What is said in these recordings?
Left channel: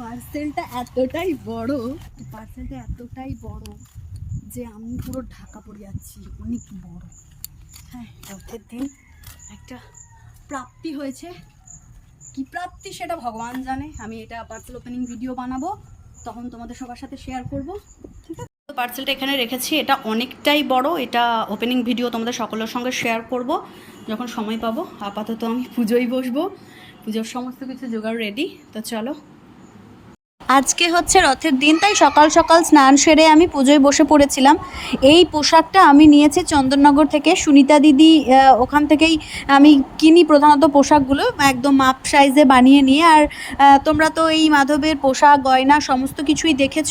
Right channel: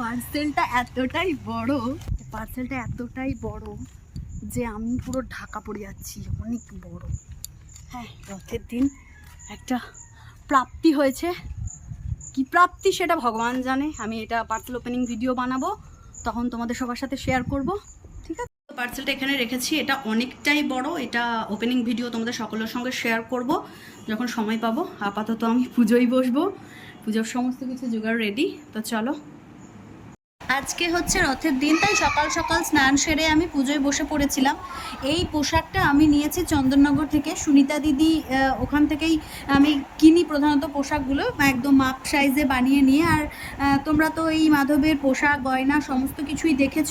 পার্সেলটা এতটাই বড়, পার্সেলটা এতটাই বড় যে আমি পুরো ঢাকা পড়ে যাচ্ছি, অনেক বড়। হ্যাঁ রথের দিন একটা প্রাপ্তি হয়েছে। কি প্রাপ্তি সেটা ভগবান জানে। আমি এটা পার্সেল ওপেনিং ভিডিও বানাবো, তখন তোমাদের সবার সাথে শেয়ার করব। ঠিক আছে? পার্সেলটা এখানে রেখেছি। এটা অনেকটাই বড়। এটা ওপেনিং ভিডিও তোমাদের সকলের সঙ্গে শেয়ার করব। যখন সময় পাবো, আপাতত আমি পুজোয় বসবো। পুজোর সমস্ত কিছু জোগাড় রেডি তো চলো আজকে হচ্ছে রথের দিন, তাই সকাল সকাল স্নান সেরে আমি পুজোয় বসে পড়েছিলাম। এই পোশাকটা আমি নিয়েছি চন্দননগর থেকে। সুনিতা দিদি ওখান থেকেই আমি কিনি প্রধানত পোশাকগুলো, একদম মাপ সাইজে বানিয়ে নিয়ে। আর তোমরা তো এই মাধবের পোশাক, গয়না সমস্ত কিছুই দেখেছ।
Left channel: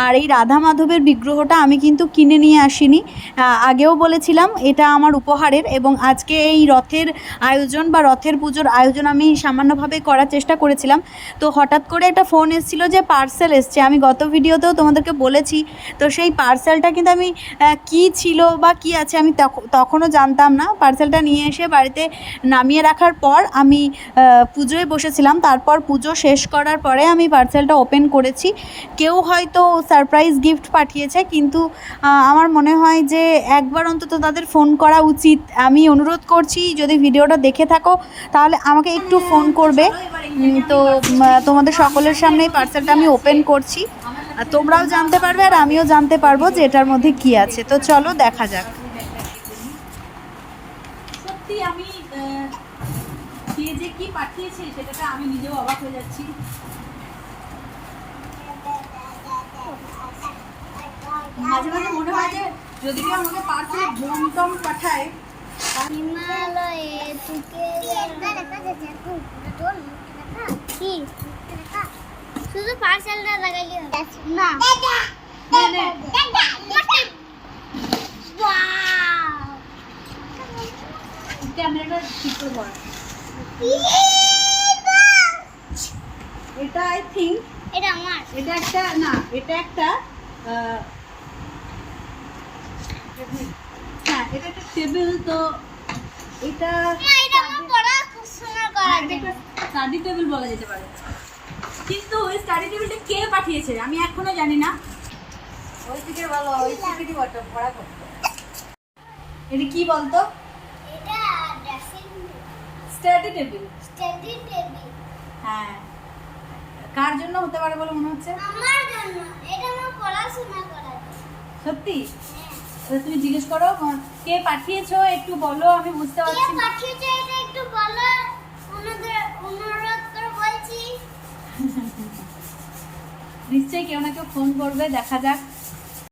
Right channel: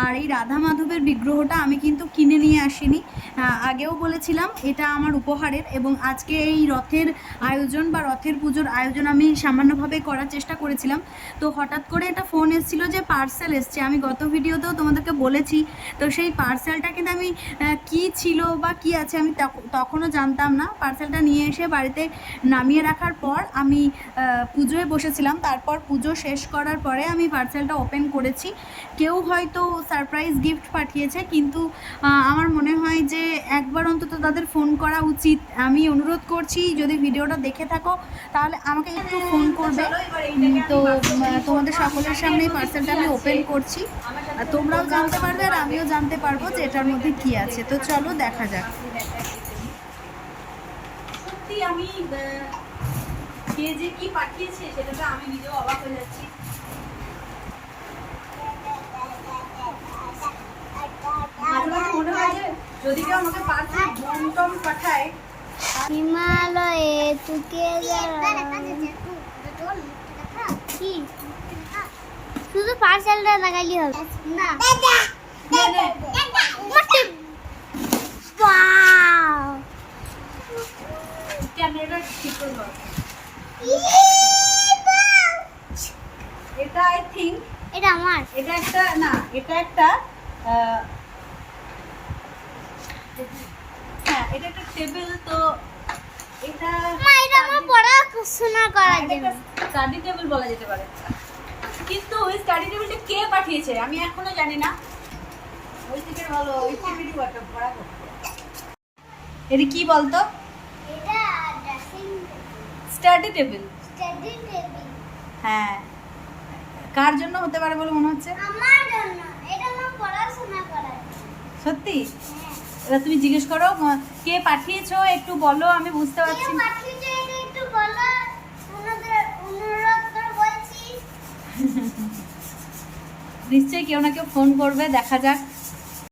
আর এই রাধা মাধবের বিগ্রহটা আমি কিন্তু কিনে নিয়ে আসিনি। আগেও বলেছিলাম, এটা আমার উপহারের। এবং আজকে এই রথের আয়োজন বা রথের পুজোর আয়োজন আমি সামান্যভাবে করার চেষ্টা করেছিলাম। তো হঠাৎ করে একটা ফোন এসেছিল যে পার্সেল এসছে, আমি গত ভিডিওতেও তোমাদেরকে বলেছি, তো সেই পার্সেলটা কিন্তু আমি কি ছিল বা কি আছে আমি তখ- তখনও জানতাম না। পার্সেলটা নিয়ে এসে বাড়িতে নামিয়ে রাখার পর আমি পুজোয় বসেছিলাম। তারপর পুজো শেষ করার পরে আমি পার্সেলটা ওপেন করেছি। কেউ হয়তো সারপ্রাইজ গিফট পাঠিয়েছে, কিন্তু আমার মনে হয় যে একবার অন্তত তাদের ফোন করা উচিত। আমি অনুরোধ করছি, যদি ভিডিওটা দেখে থাকো, তাহলে আমাকে একটু ফোন করবে। তো তোমাদের সকলের সামনেই পার্সেলটা আমি ওপেন করছি। আর তোমরাও জানতে পারবে আর আমিও জানতে পারব যে এটার মধ্যে কি আছে। তো চলো দেখা যাক। সত্যি আমি কে যে কি পাঠিয়েছে সেটা আমি নিজেও অবাক হয়ে যাচ্ছি। মাঝে মাঝে মনে হয় যে যদি কেউ আমাকে পার্সেল বোম টম পাঠায় হিমালয়ে তুকে কি? শুধু পার্সেলটা লাগাইলে হবে। না! ক্যামেরাটা ঠিক করে এটা আই থিঙ্ক এটা আমার। এটা একটা না এটা একটা হ্যাঁ এটা একটা টেবিল তো এটা মা এটা আমার পড়াশোনা করার জন্য স্টাডি টেবিল বলা যেতে পারে। টেবিলটা কে পাঠিয়েছে? আমি এখনও জানি না। ওই থেকে ভালো ওই ওয়াটার পড়া করতে। এটা কি বলতো? এটা dressing study table study table হ্যাঁ। কার জন্য হতে পারে বলে মনে হচ্ছে? আমার জন্য। এটা আমার পড়াশোনা করার সত্যি? হ্যাঁ। এবার তুমি জিজ্ঞেস করো কে পাঠিয়েছো একটু বলো আমি বুঝতে পারছি না। পাঠিয়েছে এটা একটু বলো ওনাদের অনুরোধ করে বলছি নিশ্চয়ই কেউ না কেউ ফোন করবে দেখা যাক।